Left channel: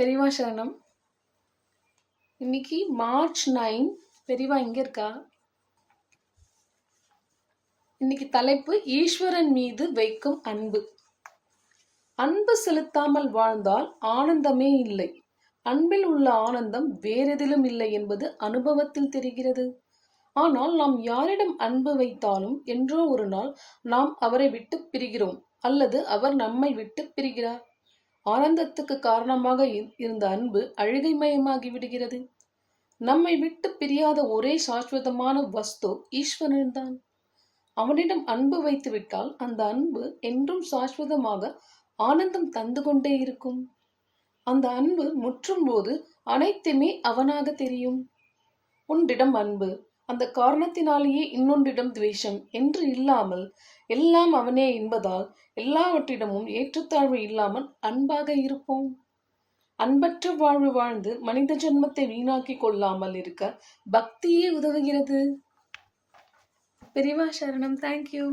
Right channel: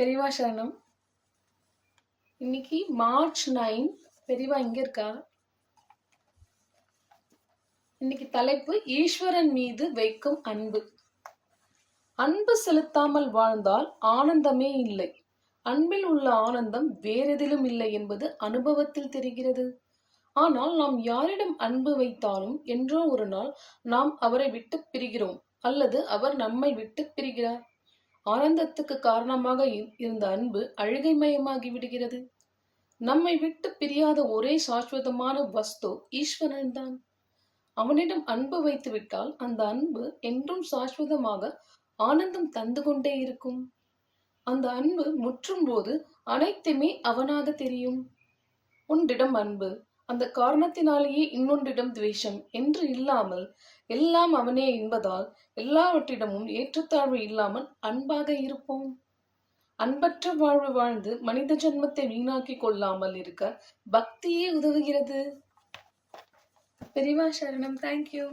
பெரியவா சரணம். இன்னைக்கு மார்ச் 9. பெரியவா எங்க இருக்கா? இன்னைக்கு தலைப்பு ஈஸ்வரன் மீது வைக்கும் அன்பு. அன்பு செலுத்தாமல் வாழ்ந்தால் ஆனந்தமே இல்லை. அன்பில் உள்ள ஆனந்தம் வேறெதிலும் இல்லை என்பது அனுபவத்தில் தெரிகிறது. ஆனால் நாம் யாரிடம் அன்பு வைத்தாலும் என்றோ ஒரு நாள் நாம் அவரை விட்டு பிரிகிறோம், அல்லது அவர் நம்மை விட்டு பிரிகிறார். ஆனந்தத்துக்கு காரணமாக இருந்த அன்பு அழுகைமயமாகி விடுகிறது. நம்மை விட்டு பிரியாத ஒரே சாஸ்வதமான வஸ்து ஈஸ்வரன் தான். அவனிடம் அன்பு வைத்து விட்டால் அந்த அன்பு என்றும் சாஸ்வதமாக ஆனந்தம் தந்து கொண்டே இருக்கும். அந்த அன்பு முற்றும் போது அனைத்துமே அவனாக தெரியும். ஒன்றிடம் அன்பு, அந்த காரணத்தினாலேயே இன்னொன்றிடம் துவேஷம் என்று இல்லாமல் எல்லாம் அவனே என்பதால் எல்லாவற்றிடமும் ஏற்றத்தாழ்வு இல்லாமல் அன்பாக இருப்போம். அன்பற்ற வாழ்வு வாழ்ந்து மனித ஜென்மத்தை வீணாக்கி கொள்ளாமல் இருக்க பக்தியே உதவுகிறது. பெரியவா சரணம். தேங்க்யூ.